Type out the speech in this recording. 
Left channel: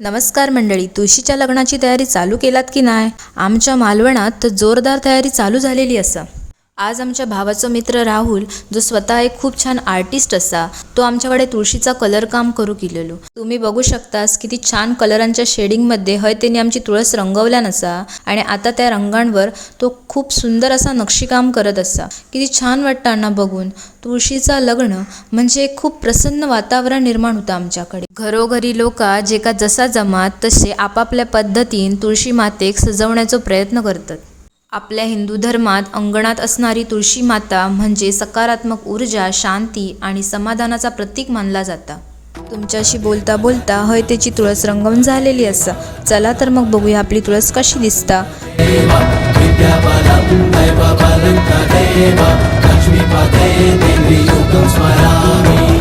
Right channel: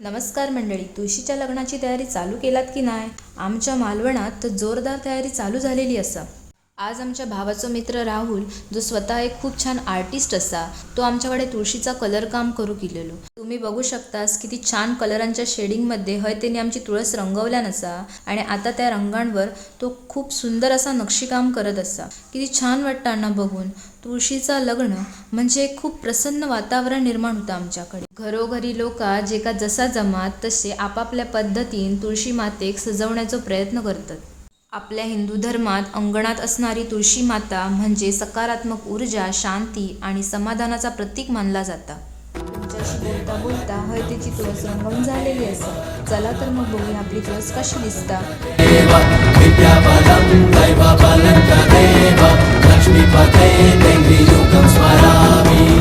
नमस्कार मंडळी, तुळशीच्या लग्नाची तयारी चालू केलात की नाही? आमच्या मालवणात तर जोरदार तयारी चालू झालेली असा। आज आमच्या भावाचा मित्र राहुल, जो स्वतः एक खूप छान आर्टिस्ट असा, तो आमच्याकडे तुळशीचा कलर काम करू केलेलो। तुम्ही बघू शकतास किती छान कलरांच्या शेडिंगमध्ये हय त्यांनी आमची तुळस रंगवल्या नसा आणि आता त्या रंगांवर तो खूप सुंदर असा नक्षीकाम करत असा। किती छान वाटतं बघून। तुळशीचा लग्न म्हणजे एक खूप प्रसन्न वातावरण निर्माण होतं आमच्याकडे। घरोघरी लोक जे का जसा जमात तसे आपापल्या पद्धतीने तुळशी मातेक सजवण्याचा प्रयत्न करतात। आपल्या हिंदू धर्मात अंगणात असणारी तुळशी माता म्हणजे सकारात्मक ऊर्जा, शांती आणि समाधानाचा प्रतीक मानला जाता। तुमच्याशी बोलता बोलता हय त्याची तुळस रंगवून झालेली असा। चला तर मग बघूया आपली तुळस कशी दिसता। लक्ष्मीपते देवी युगं स्मरामि।